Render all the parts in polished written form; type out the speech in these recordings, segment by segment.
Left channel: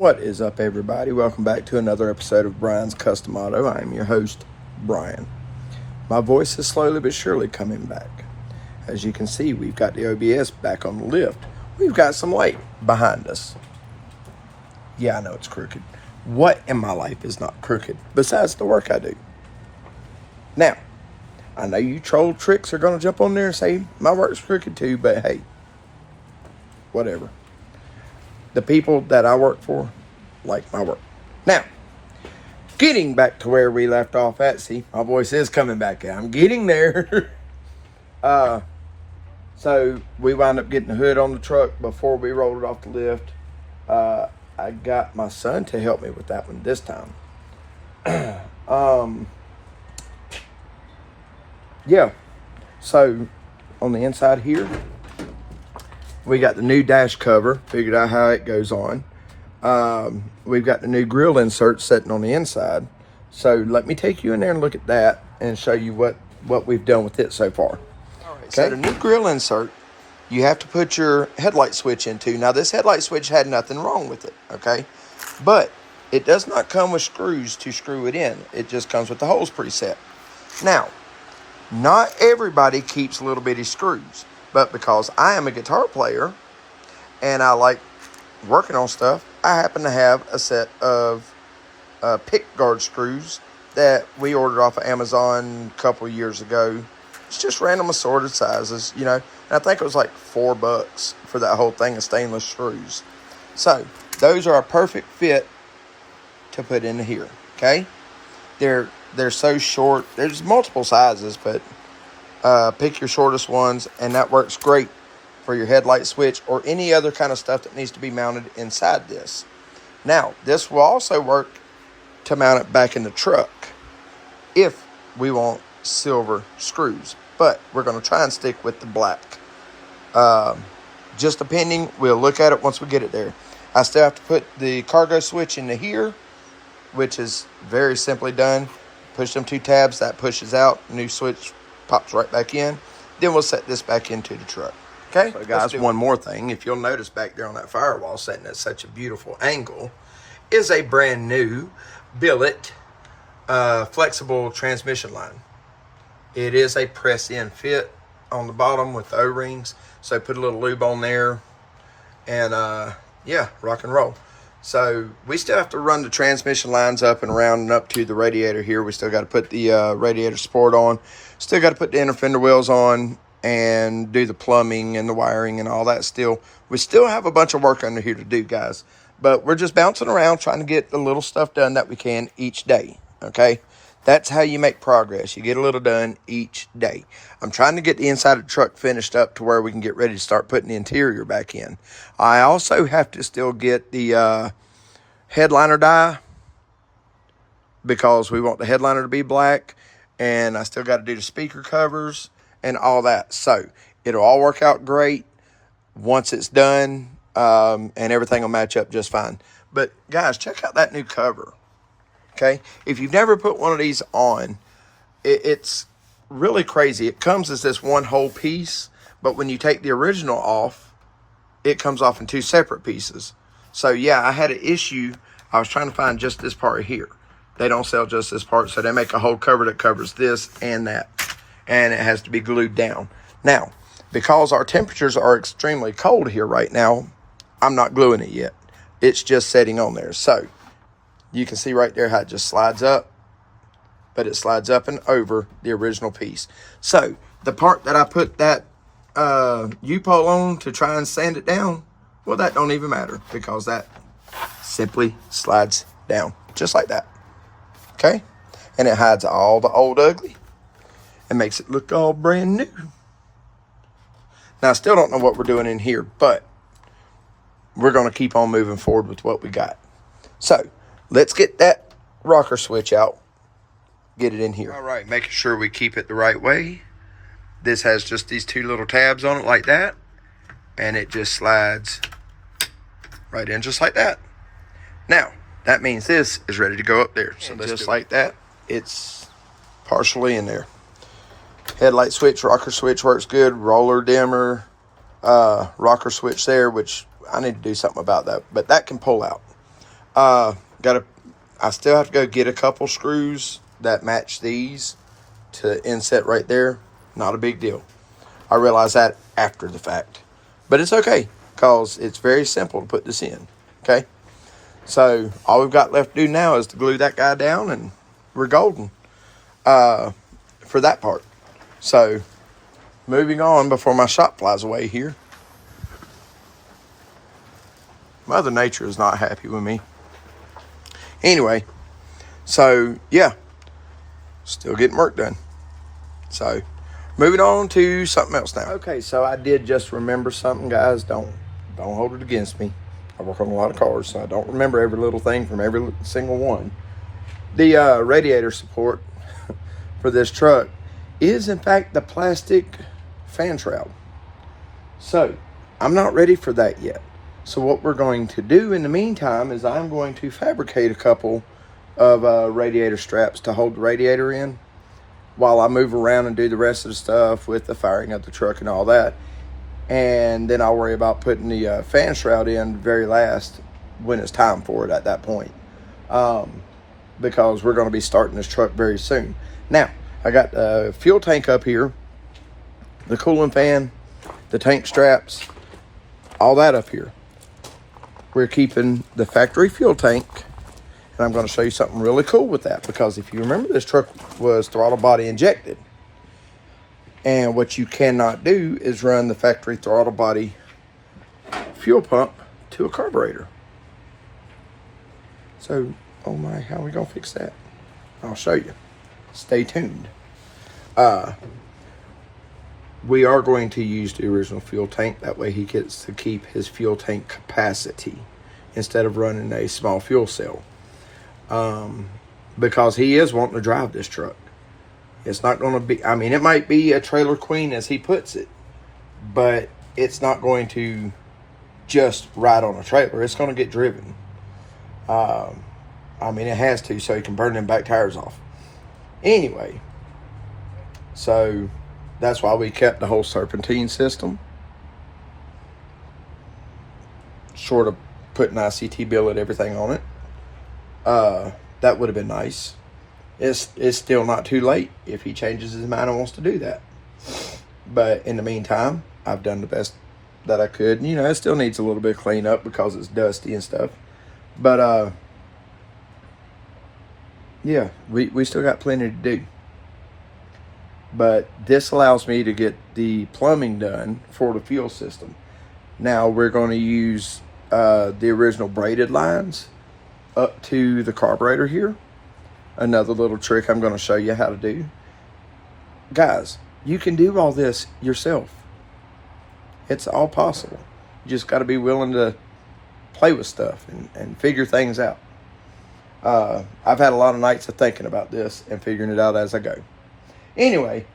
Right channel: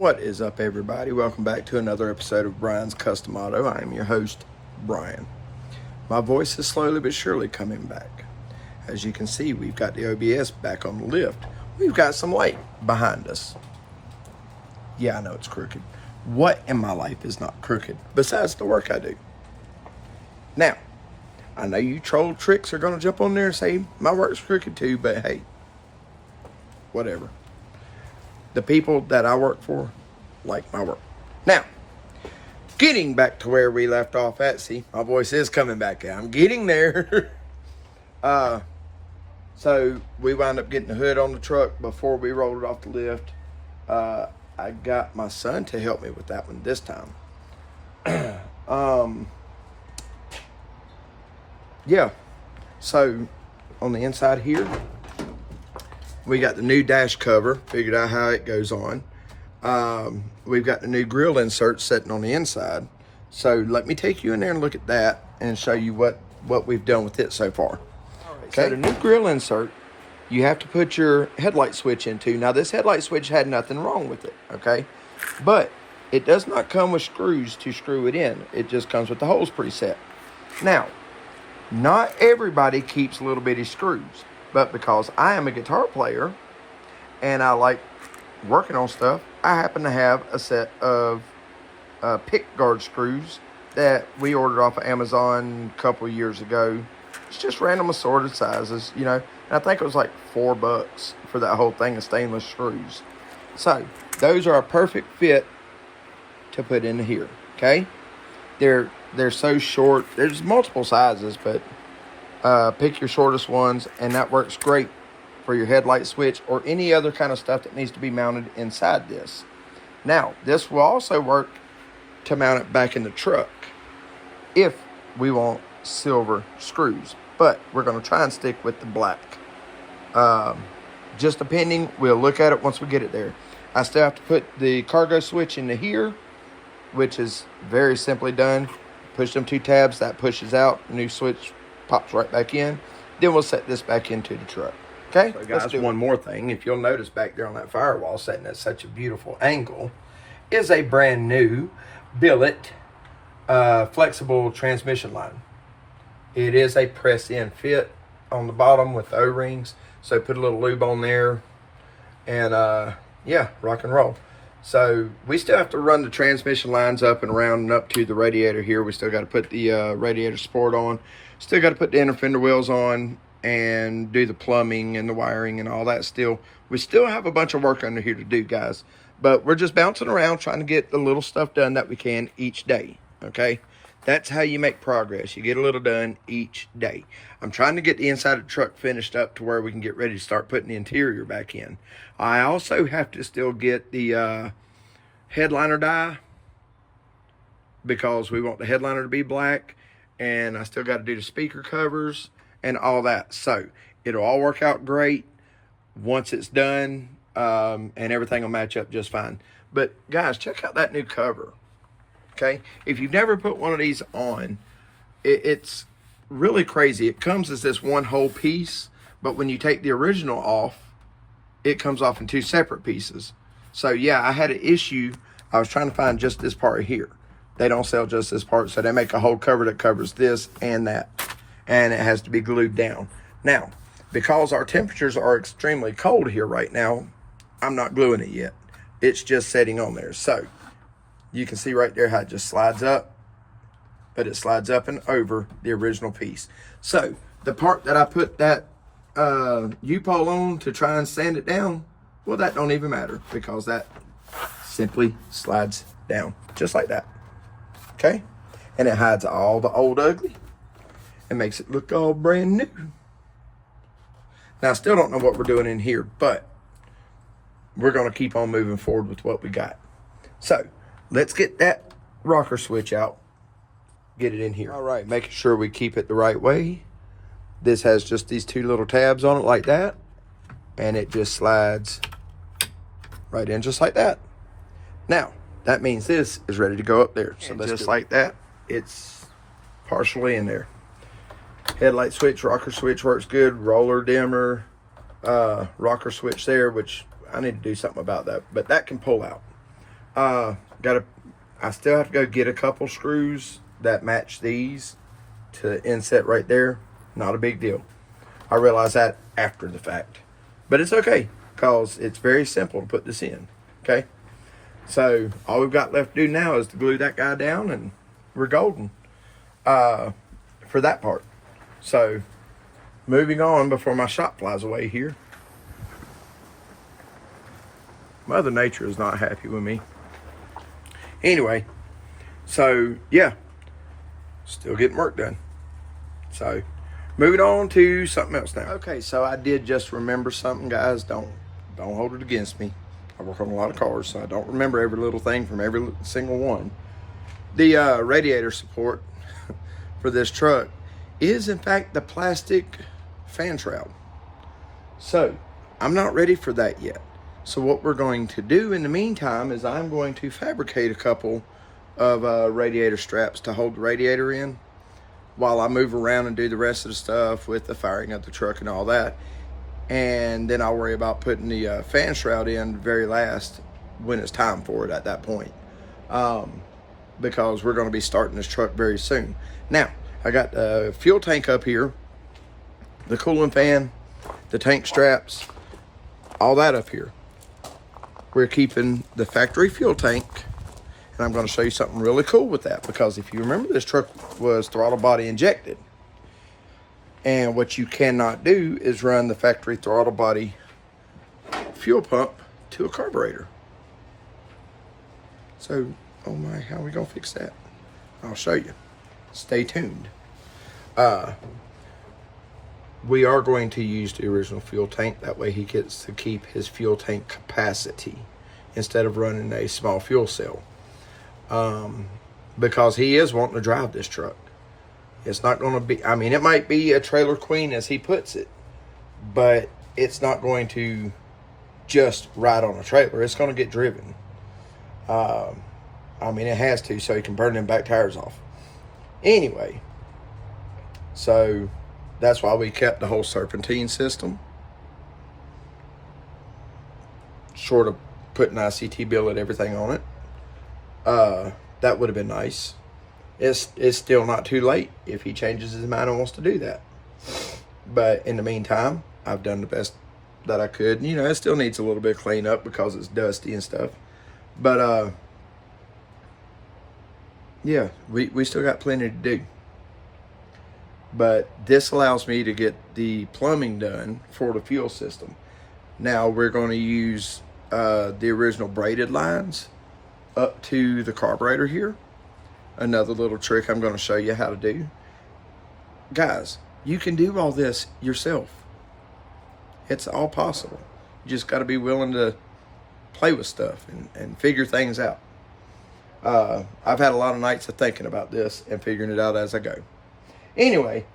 What is up, everybody? Welcome back to another episode of Brian's Custom Auto. I am your host, Brian. My voice is slowly but surely coming back. As you can see, we've got the OBS back on the lift. We've got some light behind us. Yeah, I know it's crooked. What in my life is not crooked besides the work I do? Now, I know you troll tricks are going to jump on there and say my work's crooked too, but hey, whatever. The people that I work for like my work. Now, getting back to where we left off at, see, my voice is coming back out. I'm getting there. So we wound up getting the hood on the truck before we rolled it off the lift. I got my son to help me with that one this time. Yeah. So on the inside here, we got the new dash cover, figured out how it goes on. We've got the new grill insert sitting on the inside. So let me take you in there and look at that and show you what we've done with it so far. All right, okay. So the new grill insert, you have to put your headlight switch into. Now this headlight switch had nothing wrong with it, okay? But it does not come with screws to screw it in. It just comes with the holes preset. Now, not everybody keeps little bitty screws. But because I am a guitar player and I like working on stuff, I happen to have a set of pick guard screws that we ordered off of Amazon a couple of years ago. It's just random assorted sizes, you know. And I think it was like $4 for that whole thing of stainless screws. So those are a perfect fit to put in here, okay? They're so short. There's multiple sizes, but pick your shortest ones, and that works great for your headlight switch or any other kind of stuff that needs to be mounted inside this. Now, this will also work to mount it back in the truck if we want silver screws, but we're going to try and stick with the black. Just depending, we'll look at it once we get it there. I still have to put the cargo switch into here, which is very simply done. Push them 2 tabs, that pushes out, new switch pops right back in. Then we'll set this back into the truck. Okay, so guys, one more thing. If you'll notice back there on that firewall sitting at such a beautiful angle is a brand new billet flexible transmission line. It is a press-in fit on the bottom with the O-rings. So put a little lube on there and yeah, rock and roll. So we still have to run the transmission lines up and around and up to the radiator here. We still got to put the radiator support on. Still got to put the inner fender wheels on and do the plumbing and the wiring and all that still. We still have a bunch of work under here to do, guys. But we're just bouncing around trying to get the little stuff done that we can each day, okay? That's how you make progress. You get a little done each day. I'm trying to get the inside of the truck finished up to where we can get ready to start putting the interior back in. I also have to still get the headliner die because we want the headliner to be black. And I still got to do the speaker covers and all that. So it'll all work out great once it's done, and everything will match up just fine. But guys, check out that new cover, okay? If you've never put one of these on, it's really crazy. It comes as this one whole piece, but when you take the original off, it comes off in 2 separate pieces. So yeah, I had an issue. I was trying to find just this part here. They don't sell just this part, so they make a whole cover that covers this and that, and it has to be glued down. Now, because our temperatures are extremely cold here right now, I'm not gluing it yet. It's just setting on there. So you can see right there how it just slides up, but it slides up and over the original piece. So the part that I put that U-pole on to try and sand it down, well, that don't even matter because that simply slides down just like that. Okay, and it hides all the old ugly and makes it look all brand new. Now, I still don't know what we're doing in here, but we're going to keep on moving forward with what we got. So let's get that rocker switch out, get it in here. All right, making sure we keep it the right way. This has just these 2 little tabs on it like that, and it just slides right in just like that. Now, that means this is ready to go up there. So just like that, it's partially in there. Headlight switch, rocker switch works good. Roller dimmer, rocker switch there, which I need to do something about that. But that can pull out. I still have to go get a couple screws that match these to inset right there. Not a big deal. I realize that after the fact. But it's okay, because it's very simple to put this in. Okay? So, all we've got left to do now is to glue that guy down, and we're golden for that part. So, moving on before my shot flies away here. Mother Nature is not happy with me. Anyway, so, yeah. Still getting work done. So, moving on to something else now. Okay, so I did just remember something, guys. Don't hold it against me. I work on a lot of cars, so I don't remember every little thing from every single one. The radiator support for this truck is, in fact, the plastic fan shroud. So, I'm not ready for that yet. So what we're going to do in the meantime is I'm going to fabricate a couple of radiator straps to hold the radiator in while I move around and do the rest of the stuff with the firing of the truck and all that. And then I'll worry about putting the fan shroud in very last when it's time for it at that point. Because we're going to be starting this truck very soon. Now, I got the fuel tank up here, the cooling fan, the tank straps, all that up here. We're keeping the factory fuel tank, and I'm going to show you something really cool with that, because if you remember, this truck was throttle body injected, and what you cannot do is run the factory throttle body fuel pump to a carburetor. So, oh my, how are we going to fix that? I'll show you. Stay tuned. We are going to use the original fuel tank. That way he gets to keep his fuel tank capacity instead of running a small fuel cell. Because he is wanting to drive this truck. It's not going to be, I mean, it might be a trailer queen as he puts it, but it's not going to just ride on a trailer. It's going to get driven. I mean, it has to, so he can burn them back tires off. Anyway, so that's why we kept the whole serpentine system. Short of putting ICT billet everything on it. That would have been nice. It's still not too late if he changes his mind and wants to do that. But in the meantime, I've done the best that I could. You know, it still needs a little bit of cleanup because it's dusty and stuff. But, yeah, we still got plenty to do. But this allows me to get the plumbing done for the fuel system. Now we're going to use the original braided lines up to the carburetor here. Another little trick I'm going to show you how to do. Guys, you can do all this yourself. It's all possible. You just got to be willing to play with stuff and figure things out. I've had a lot of nights of thinking about this and figuring it out as I go. Anyway,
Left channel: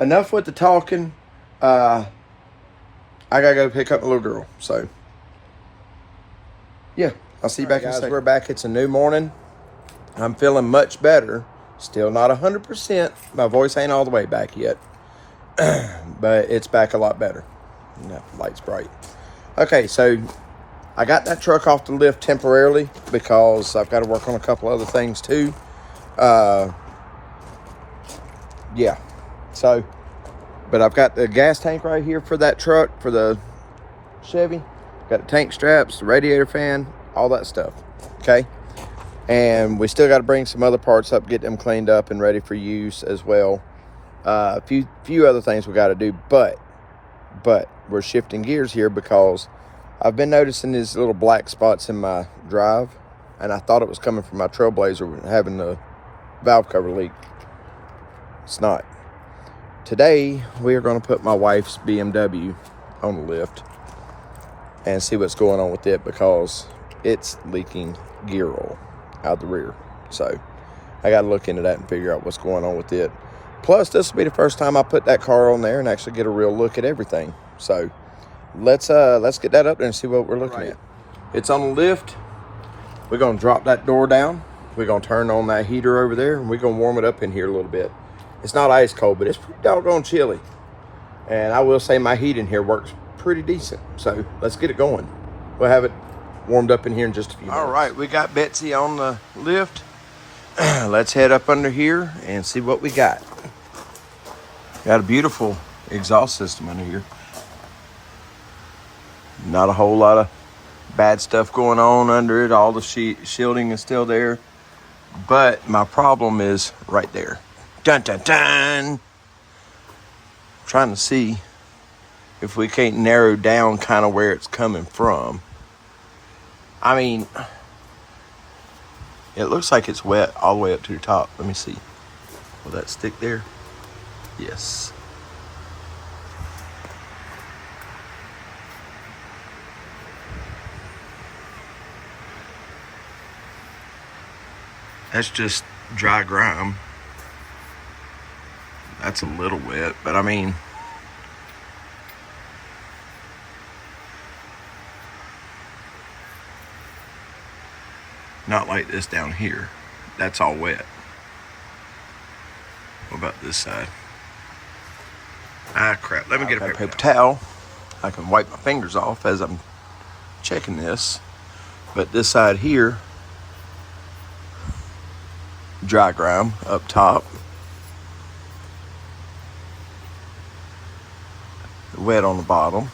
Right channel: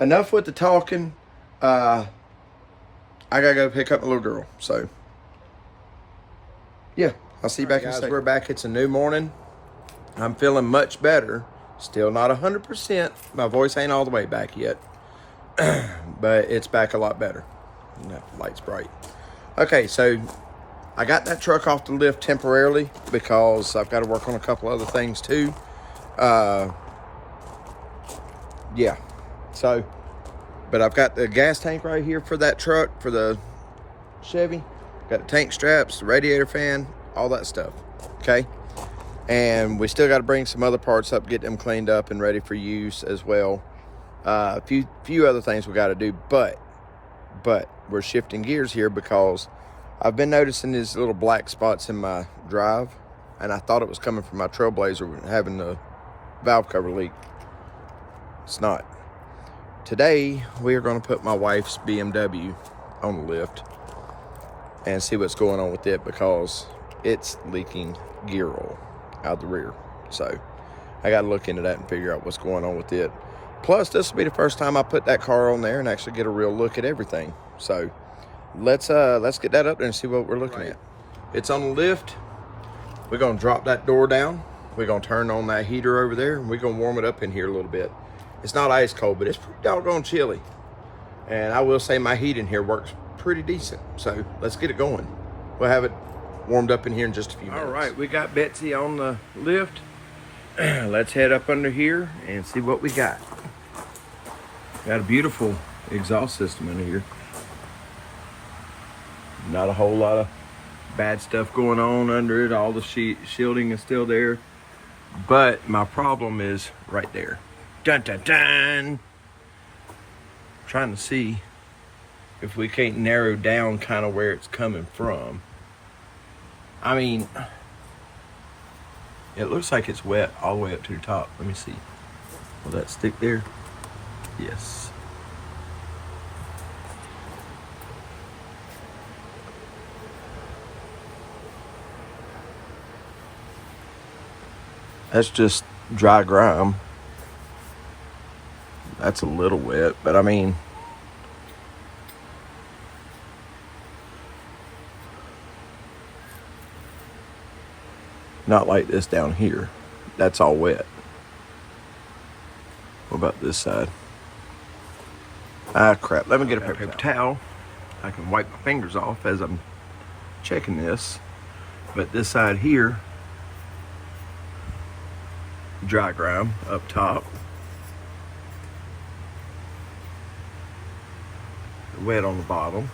enough with the talking. I gotta go pick up my little girl. So, yeah, I'll see you back in a second. We're back. It's a new morning. I'm feeling much better. Still not 100%. My voice ain't all the way back yet. But it's back a lot better. That light's bright. Okay, so I got that truck off the lift temporarily because I've got to work on a couple other things too. Yeah, so, but I've got the gas tank right here for that truck, for the Chevy. Got the tank straps, the radiator fan, all that stuff, okay? And we still got to bring some other parts up, get them cleaned up and ready for use as well. A few other things we got to do, but we're shifting gears here because I've been noticing these little black spots in my drive, and I thought it was coming from my Trailblazer having the valve cover leak. It's not. Today, we are going to put my wife's BMW on the lift and see what's going on with it because it's leaking gear oil out the rear. So, I got to look into that and figure out what's going on with it. Plus, this will be the first time I put that car on there and actually get a real look at everything. So, let's get that up there and see what we're looking at. It's on the lift. We're going to drop that door down. We're going to turn on that heater over there, and we're going to warm it up in here a little bit. It's not ice cold, but it's pretty doggone chilly. And I will say my heat in here works pretty decent. So let's get it going. We'll have it warmed up in here in just a few minutes. All right, we got Betsy on the lift. Let's head up under here and see what we got. Got a beautiful exhaust system under here. Not a whole lot of bad stuff going on under it. All the shielding is still there. But my problem is right there. Dun, dun, dun. Trying to see if we can't narrow down kind of where it's coming from. I mean, it looks like it's wet all the way up to the top. Let me see. Will that stick there? Yes. That's just dry grime. That's a little wet, but I mean, not like this down here. That's all wet. What about this side? Ah, crap. Let me get a paper towel. I can wipe my fingers off as I'm checking this. But this side here, dry grime up top. Wet on the bottom.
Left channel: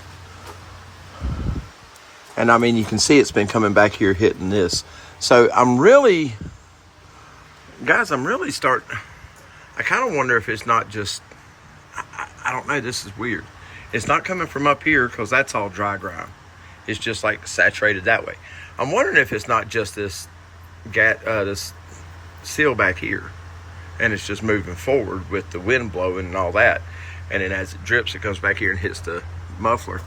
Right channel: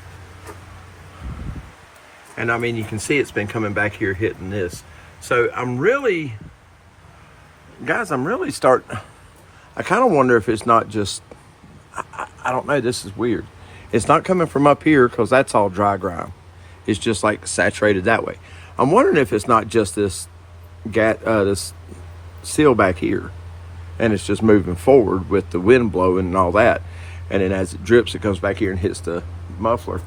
And I mean, you can see it's been coming back here hitting this. So I'm really, guys, I kind of wonder if it's not just, I don't know, this is weird. It's not coming from up here because that's all dry grime. It's just like saturated that way. I'm wondering if it's not just this seal back here and it's just moving forward with the wind blowing and all that. And then as it drips, it comes back here and hits the muffler.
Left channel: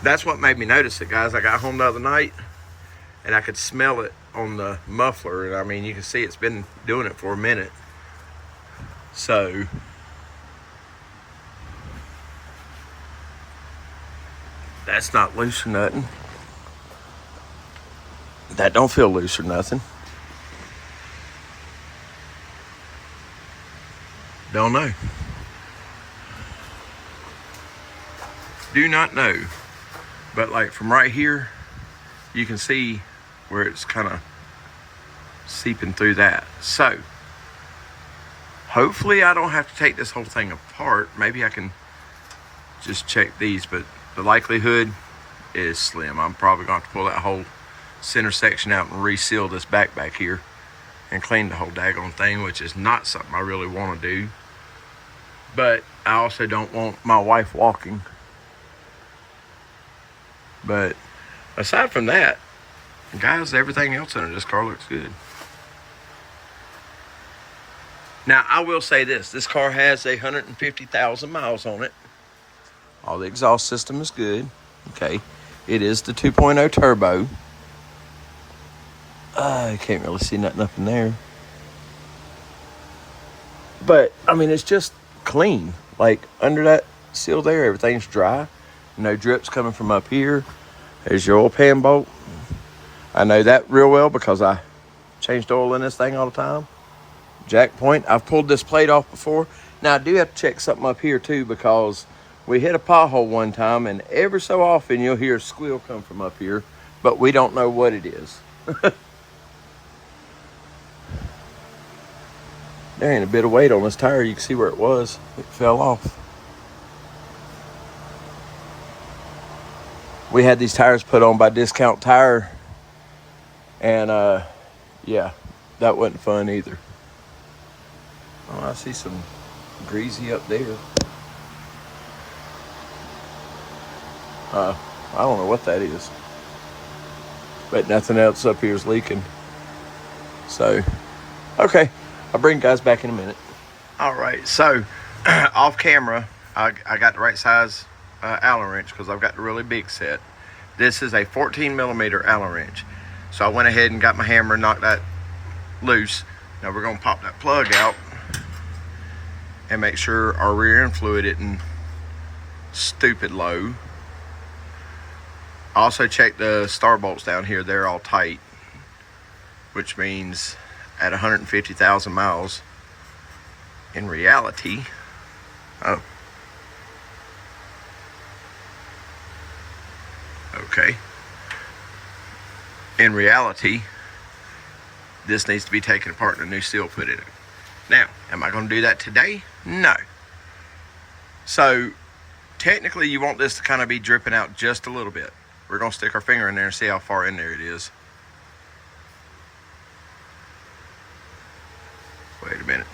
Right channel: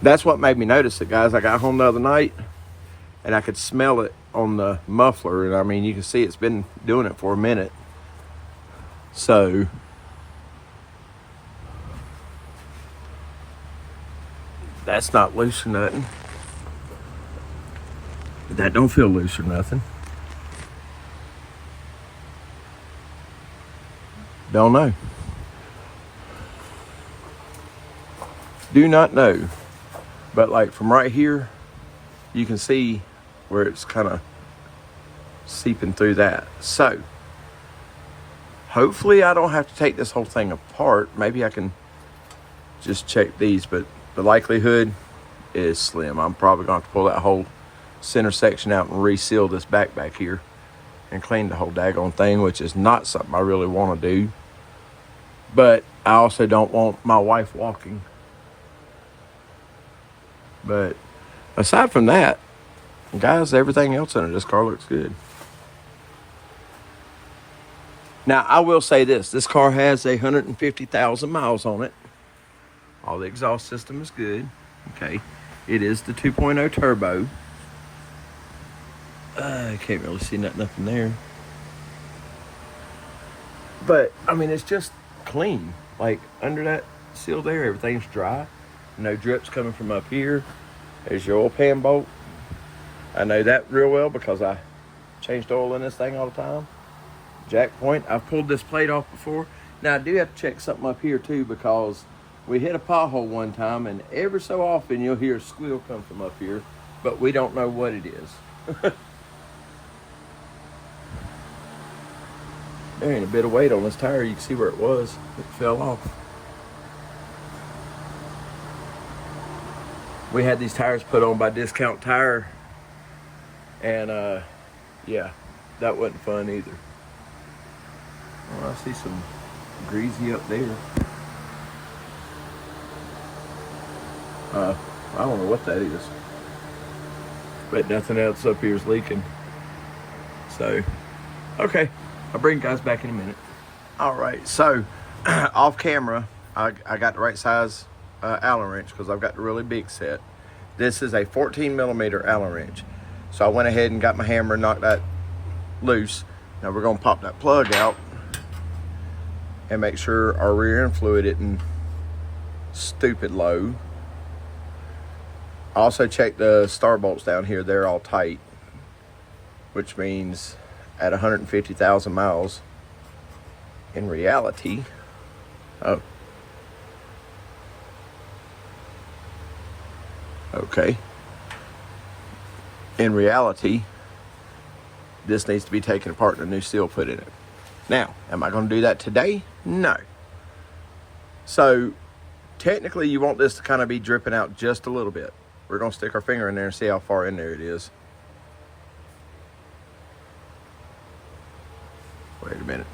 That's what made me notice it, guys. I got home the other night and I could smell it on the muffler. And I mean, you can see it's been doing it for a minute. So that's not loose or nothing. That don't feel loose or nothing. Don't know. Do not know. But like from right here, you can see where it's kind of seeping through that. So hopefully I don't have to take this whole thing apart. Maybe I can just check these, but the likelihood is slim. I'm probably going to have to pull that whole center section out and reseal this back here and clean the whole daggone thing, which is not something I really want to do. But I also don't want my wife walking. But aside from that, guys, everything else under this car looks good. Now, I will say this car has 150,000 miles on it. All the exhaust system is good. Okay. It is the 2.0 turbo. I can't really see nothing up in there. But, I mean, it's just clean. Like, under that seal there, everything's dry. No drips coming from up here. There's your oil pan bolt. I know that real well because I changed oil in this thing all the time. Jack point. I've pulled this plate off before. Now, I do have to check something up here, too, because we hit a pothole one time, and every so often you'll hear a squeal come from up here, but we don't know what it is. There ain't a bit of weight on this tire. You can see where it was. It fell off. We had these tires put on by Discount Tire, and yeah, that wasn't fun either. Oh, I see some greasy up there. I don't know what that is, but nothing else up here is leaking. So, okay, I'll bring you guys back in a minute. All right, so off camera, I got the right size Allen wrench because I've got the really big set. This is a 14 millimeter Allen wrench. So I went ahead and got my hammer and knocked that loose. Now we're gonna pop that plug out and make sure our rear end fluid isn't stupid low. I also checked the star bolts down here. They're all tight, which means at 150,000 miles, in reality, oh, okay. in reality, this needs to be taken apart and a new seal put in it. Now, am I going to do that today? No. So, technically, you want this to kind of be dripping out just a little bit. We're going to stick our finger in there and see how far in there it is. Wait a minute.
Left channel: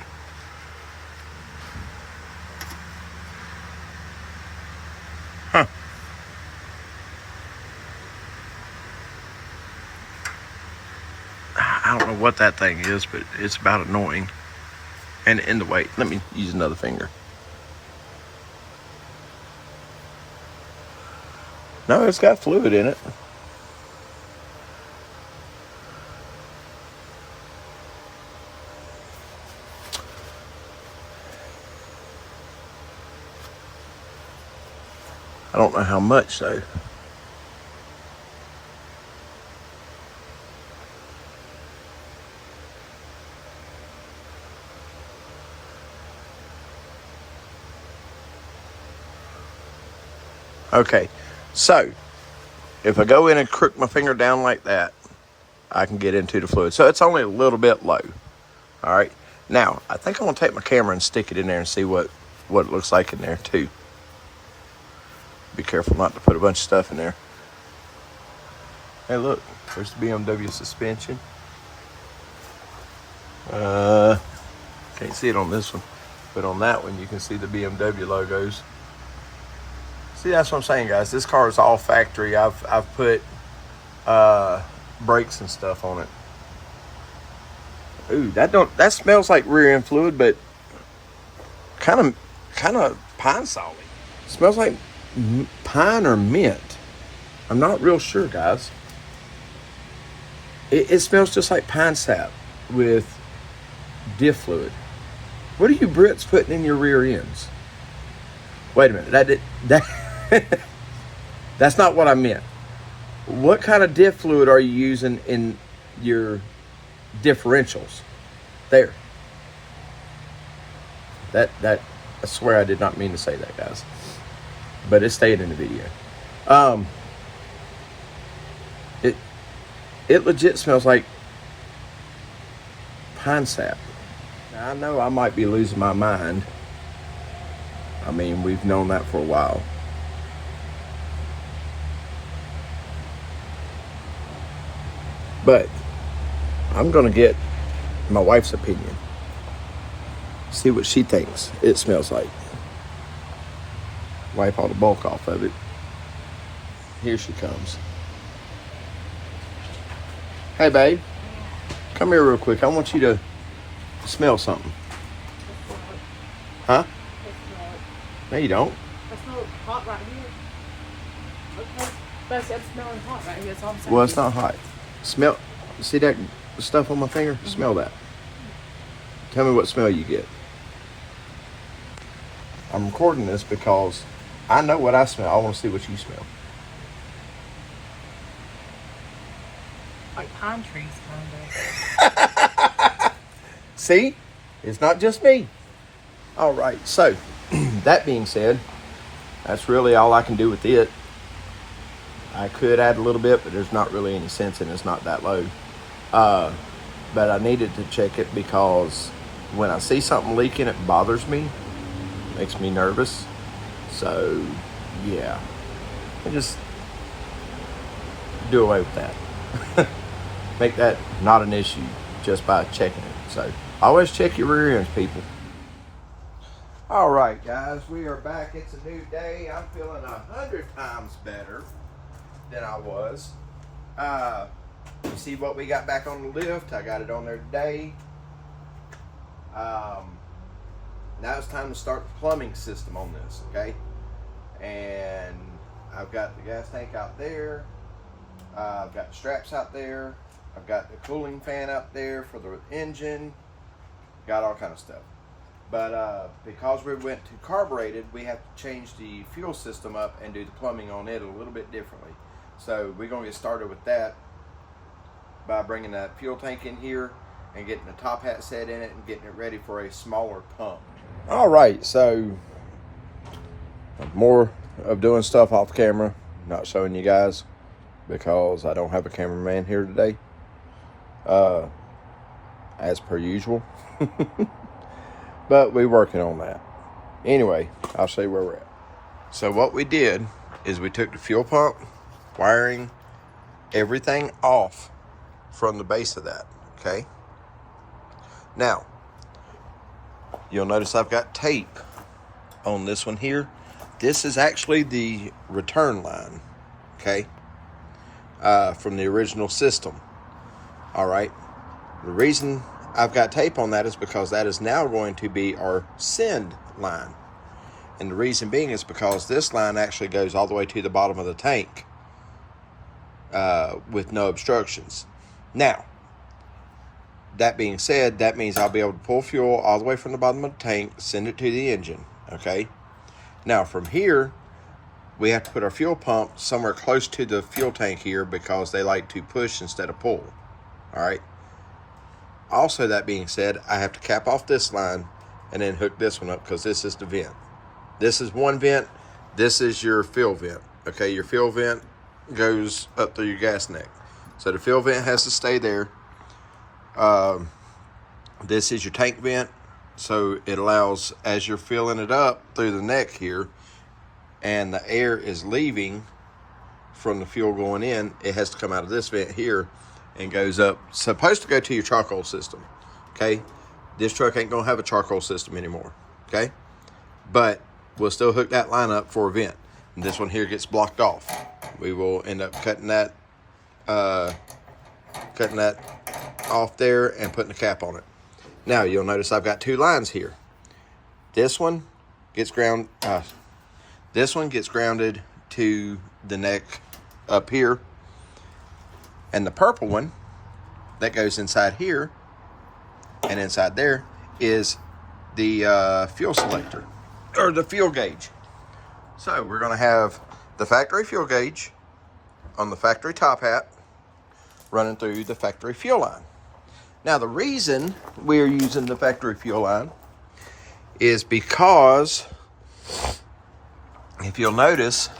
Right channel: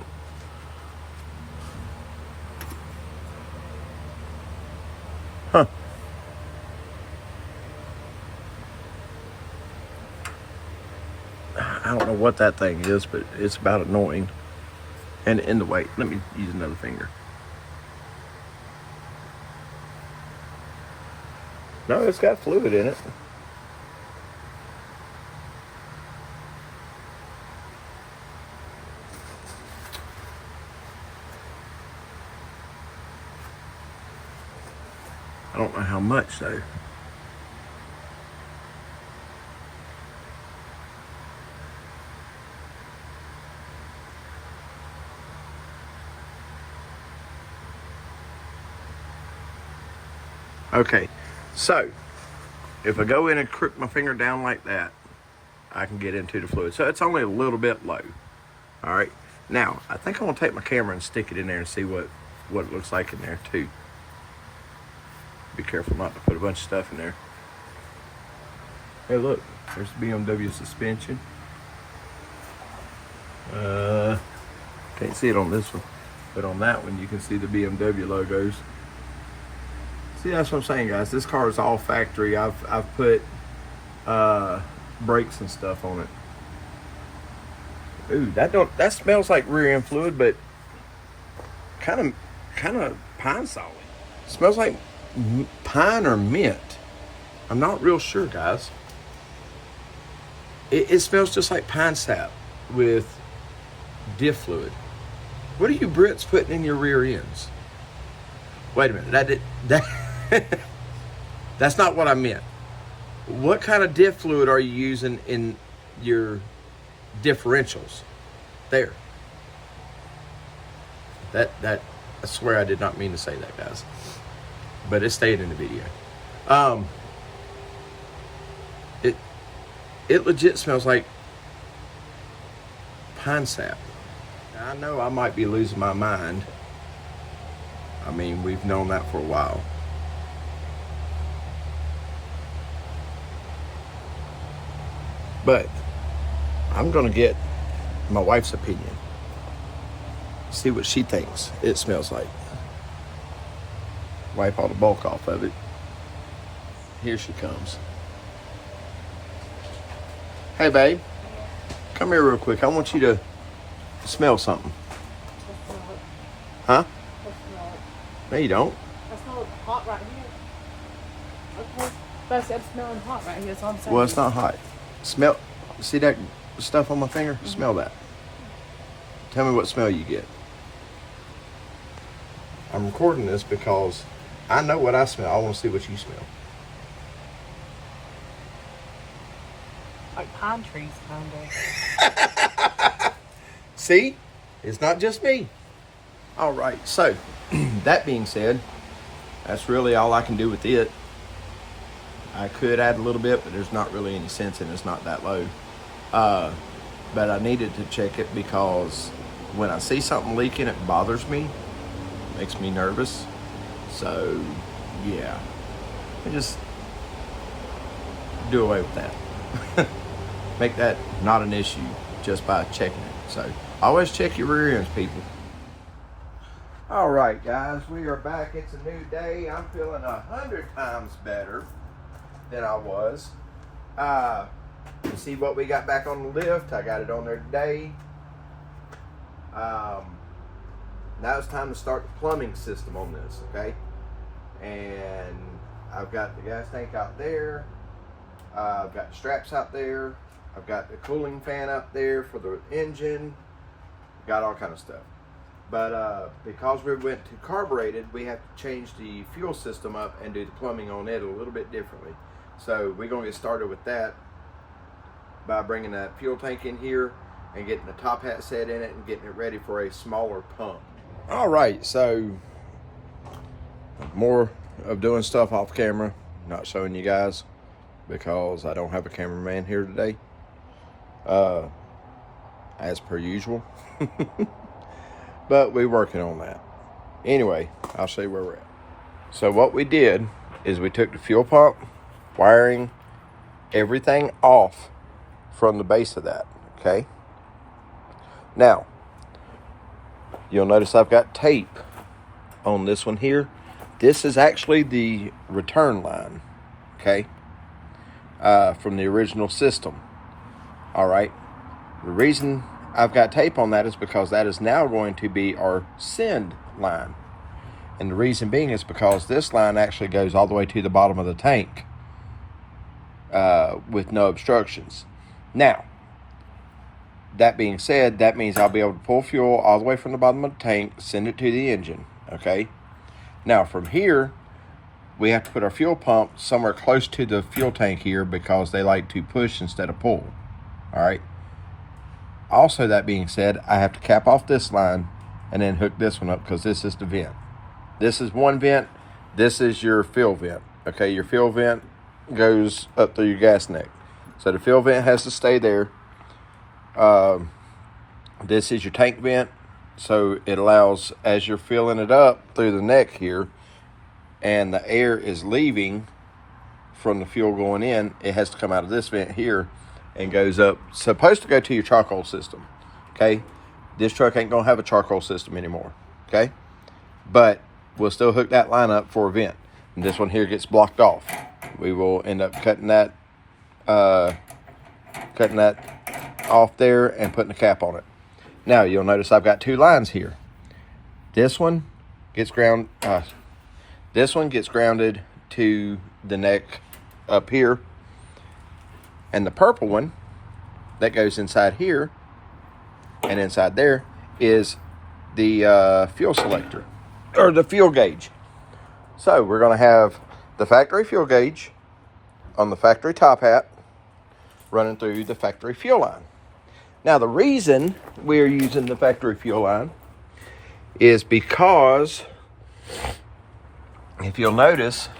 Huh. I don't know what that thing is, but it's about annoying. And in the way, let me use another finger. No, it's got fluid in it. I don't know how much though. Okay, so if I go in and crook my finger down like that, I can get into the fluid. So it's only a little bit low. All right, now I think I'm gonna take my camera and stick it in there and see what it looks like in there too. Be careful not to put a bunch of stuff in there. Hey, look, there's the BMW suspension. Can't see it on this one, but on that one you can see the BMW logos. See, that's what I'm saying, guys. This car is all factory. I've put brakes and stuff on it. Ooh, that smells like rear end fluid, but kind of pine solid. Smells like pine or mint. I'm not real sure, guys. It smells just like pine sap with diff fluid. What are you Brits putting in your rear ends? Wait a minute, that's not what I meant. What kind of diff fluid are you using in your differentials? There. That I swear I did not mean to say that, guys. But it stayed in the video. It legit smells like pine sap. Now, I know I might be losing my mind. I mean, we've known that for a while. But I'm gonna get my wife's opinion. See what she thinks it smells like. Wipe all the bulk off of it. Here she comes. Hey, babe. Come here real quick. I want you to smell something. Huh? No, you don't. It smells hot right here. That's smelling hot right here, so I'm saying. Well, it's not hot. Smell. See that stuff on my finger? Smell that. Tell me what smell you get. I'm recording this because I know what I smell. I want to see what you smell. Like pine trees, kind of. See? It's not just me. All right. So, that being said, that's really all I can do with it. I could add a little bit, but there's not really any sense in it. It's not that low. But I needed to check it because when I see something leaking, it bothers me. Makes me nervous. So, yeah. I just do away with that. Make that not an issue just by checking it. So, always check your rear ends, people. All right, guys, we are back. It's a new day. I'm feeling 100 times better than I was. You see what we got back on the lift. I got it on there today. Now it's time to start the plumbing system on this, okay? And I've got the gas tank out there. I've got the straps out there. I've got the cooling fan up there for the engine. Got all kind of stuff. But because we went to carbureted, we have to change the fuel system up and do the plumbing on it a little bit differently. So we're gonna get started with that by bringing that fuel tank in here and getting the top hat set in it and getting it ready for a smaller pump. All right, so more of doing stuff off camera, not showing you guys. because I don't have a cameraman here today, as per usual. But we're working on that. Anyway, I'll show you where we're at. So what we did is we took the fuel pump, wiring, everything off from the base of that, okay? Now, you'll notice I've got tape on this one here. This is actually the return line, okay? From the original system, all right? The reason I've got tape on that is because that is now going to be our send line. And the reason being is because this line actually goes all the way to the bottom of the tank with no obstructions. Now, that being said, that means I'll be able to pull fuel all the way from the bottom of the tank, send it to the engine, okay? Now, from here, we have to put our fuel pump somewhere close to the fuel tank here because they like to push instead of pull, all right? Also, that being said, I have to cap off this line and then hook this one up because this is the vent. This is one vent. This is your fuel vent, okay? Your fuel vent goes up through your gas neck. So the fuel vent has to stay there. This is your tank vent. So it allows, as you're filling it up through the neck here, and the air is leaving from the fuel going in, it has to come out of this vent here and goes up. Supposed to go to your charcoal system, okay? This truck ain't gonna have a charcoal system anymore, okay? But we'll still hook that line up for a vent. And this one here gets blocked off. We will end up cutting that off there and putting a cap on it. Now you'll notice I've got two lines here. This one gets grounded to the neck up here, and the purple one that goes inside here and inside there is the fuel selector, or the fuel gauge. So we're going to have the factory fuel gauge on the factory top hat running through the factory fuel line. Now, the reason we're using the factory fuel line is because, if you'll notice,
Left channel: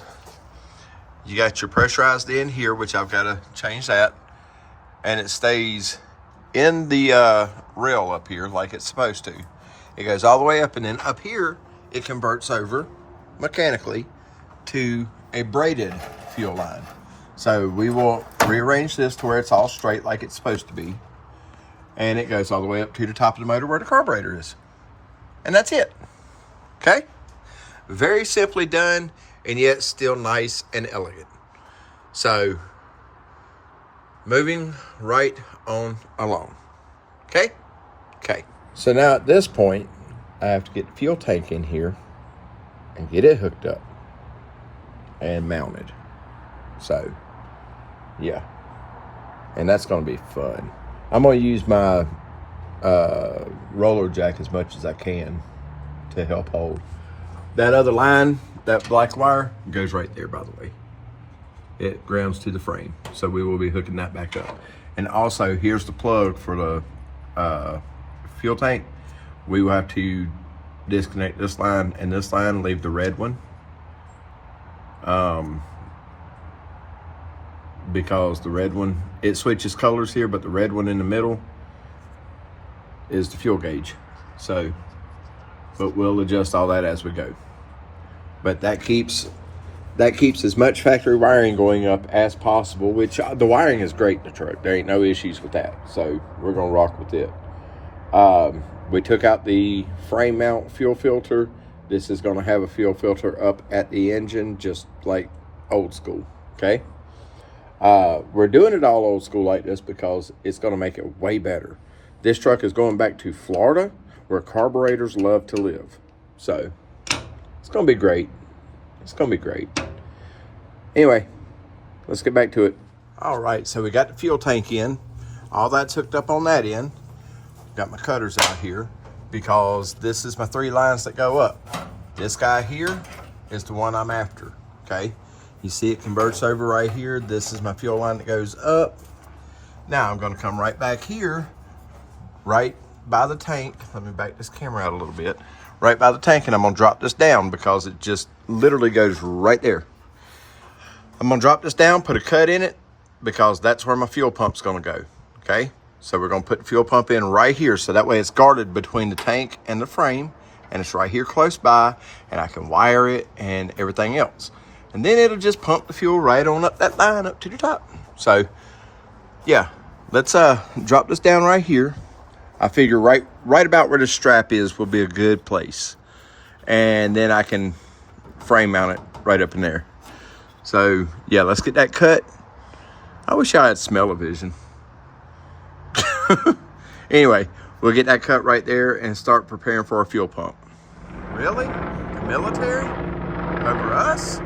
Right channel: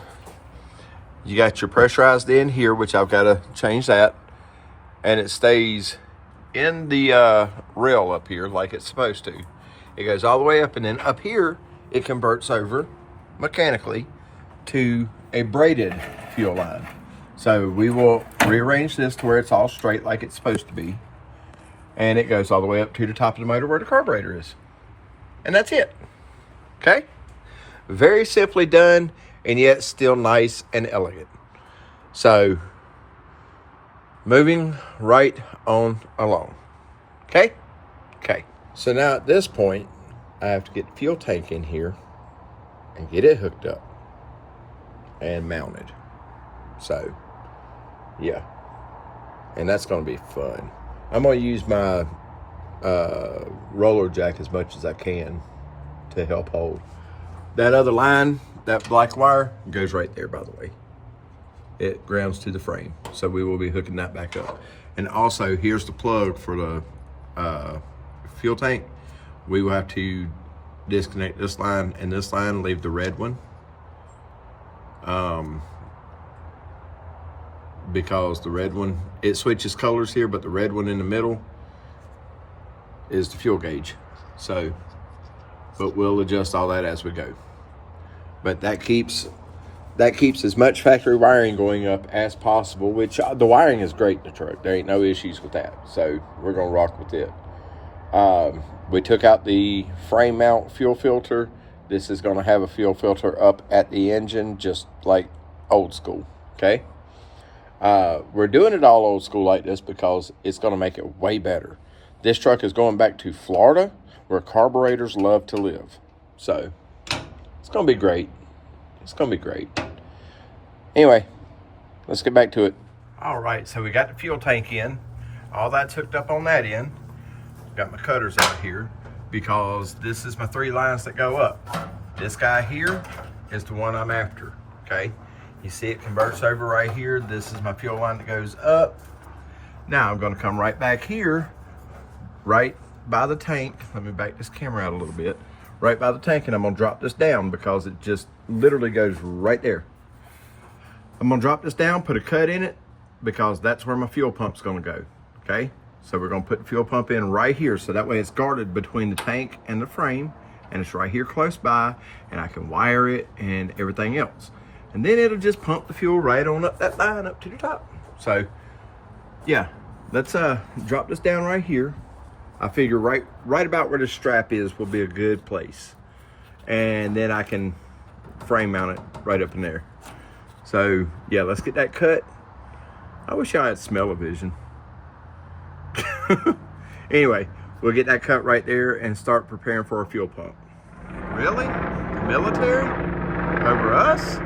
you got your pressurized end here, which I've got to change that, and it stays in the rail up here like it's supposed to. It goes all the way up, and then up here, it converts over mechanically to a braided fuel line. So we will rearrange this to where it's all straight like it's supposed to be. And it goes all the way up to the top of the motor where the carburetor is. And that's it. Okay? Very simply done, and yet still nice and elegant. So, moving right on along. Okay? Okay. So now at this point, I have to get the fuel tank in here and get it hooked up and mounted. So, yeah. And that's going to be fun. I'm going to use my roller jack as much as I can to help hold. That other line, that black wire, goes right there, by the way. It grounds to the frame. So we will be hooking that back up. And also, here's the plug for the fuel tank. We will have to disconnect this line and this line, leave the red one. Because the red one, it switches colors here, but the red one in the middle is the fuel gauge. So, but we'll adjust all that as we go. But that keeps as much factory wiring going up as possible, which the wiring is great in the truck. There ain't no issues with that. So we're gonna rock with it. We took out the frame mount fuel filter. This is gonna have a fuel filter up at the engine, just like old school, okay? We're doing it all old school like this because it's going to make it way better. This truck is going back to Florida, where carburetors love to live. So, it's going to be great. It's going to be great. Anyway, let's get back to it. All right, so we got the fuel tank in. All that's hooked up on that end. Got my cutters out here because this is my 3 lines that go up. This guy here is the one I'm after, okay? You see it converts over right here. This is my fuel line that goes up. Now I'm gonna come right back here, right by the tank. Let me back this camera out a little bit. Right by the tank, and I'm gonna drop this down because it just literally goes right there. I'm I'm gonna drop this down, put a cut in it, because that's where my fuel pump's gonna go, okay? So we're gonna put the fuel pump in right here, so that way it's guarded between the tank and the frame, and it's right here close by, and I can wire it and everything else. And then it'll just pump the fuel right on up that line up to the top. So yeah, let's drop this down right here. I figure right about where the strap is will be a good place. And then I can frame mount it right up in there. So yeah, let's get that cut. I wish I had smell-o-vision. Anyway, we'll get that cut right there and start preparing for our fuel pump. Really? The military? Over us?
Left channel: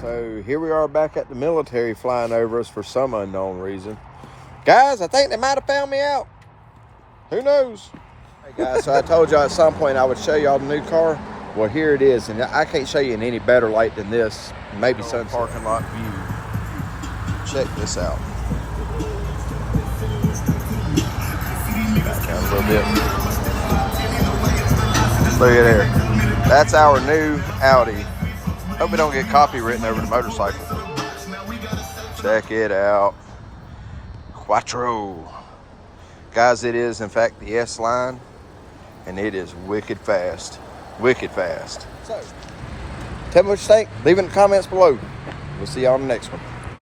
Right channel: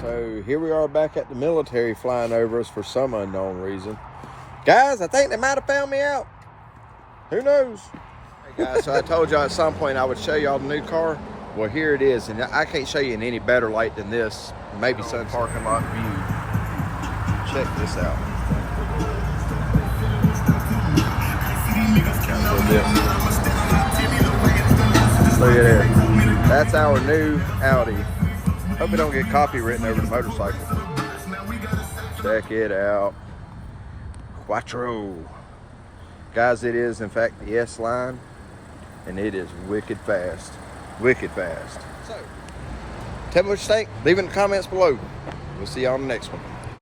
So here we are back at the military flying over us for some unknown reason. Guys, I think they might have found me out. Who knows? Hey guys, so I told y'all at some point I would show y'all the new car. Well, here it is, and I can't show you in any better light than this. Maybe some parking lot view. Check this out. Down a little bit. Look at there. That's our new Audi. Hope we don't get copywritten over the motorcycle. Check it out. Quattro. Guys, it is in fact the S-Line, and it is wicked fast. Wicked fast. So, tell me what you think. Leave it in the comments below. We'll see y'all on the next one.